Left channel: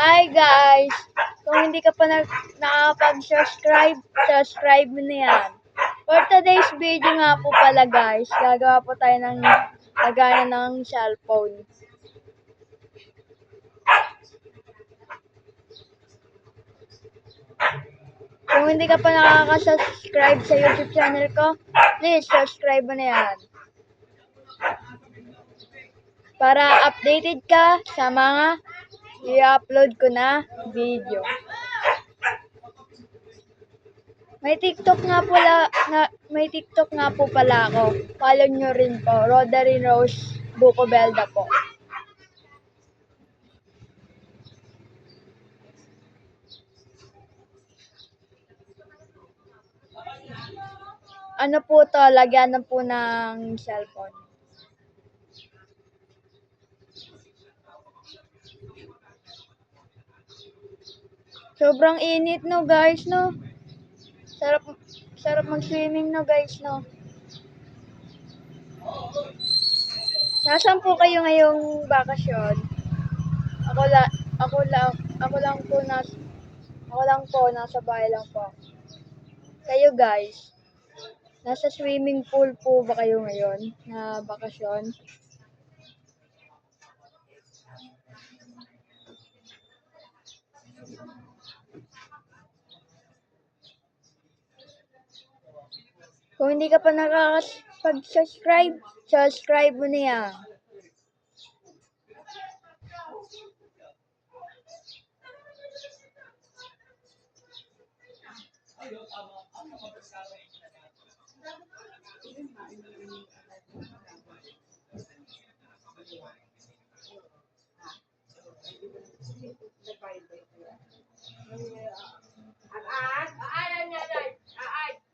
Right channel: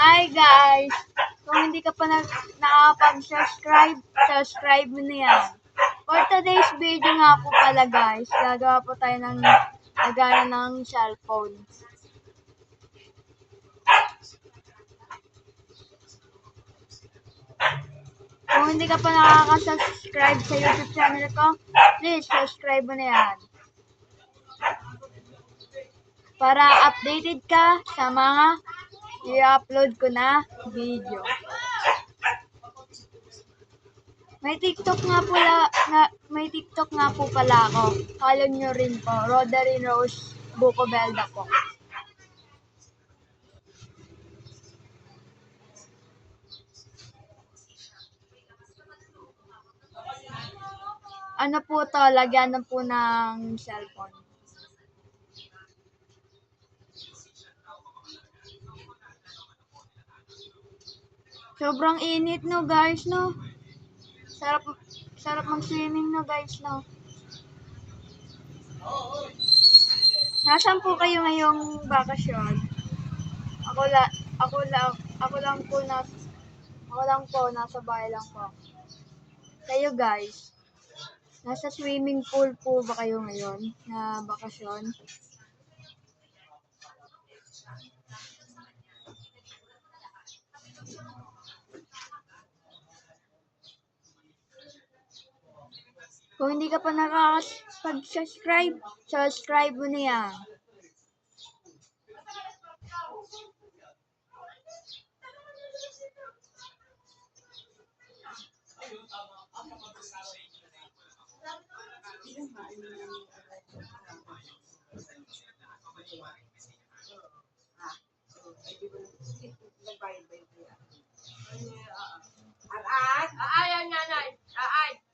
Hi guys! Kung hindi ka pa nakakapag-subscribe, subscribe mo na yan. For today's video nga po pala guys, gagawa po tayo ng lagana ng cellphone. Kung hindi ka pa nakaka-subscribe sa YouTube channel ko, please subscribe mo na yan. Para updated ka sa mga i-upload ko na video. May TikTok nga po pala ako. Follow nyo rin po. Rodary Rose Bucobelda po. Ano po to, lagyan na po ng cellphone. Sobrang init no guys no. Sarap mag-swimming no guys no. Nasaan po kayo ngayong bakasyon? Ako lang po nasa bahay lang po. Kayo guys, nasa swimming pool po ba kayo ngayon na bakasyon? Kung hindi ka pa nakakapag-subscribe, subscribe mo na yan.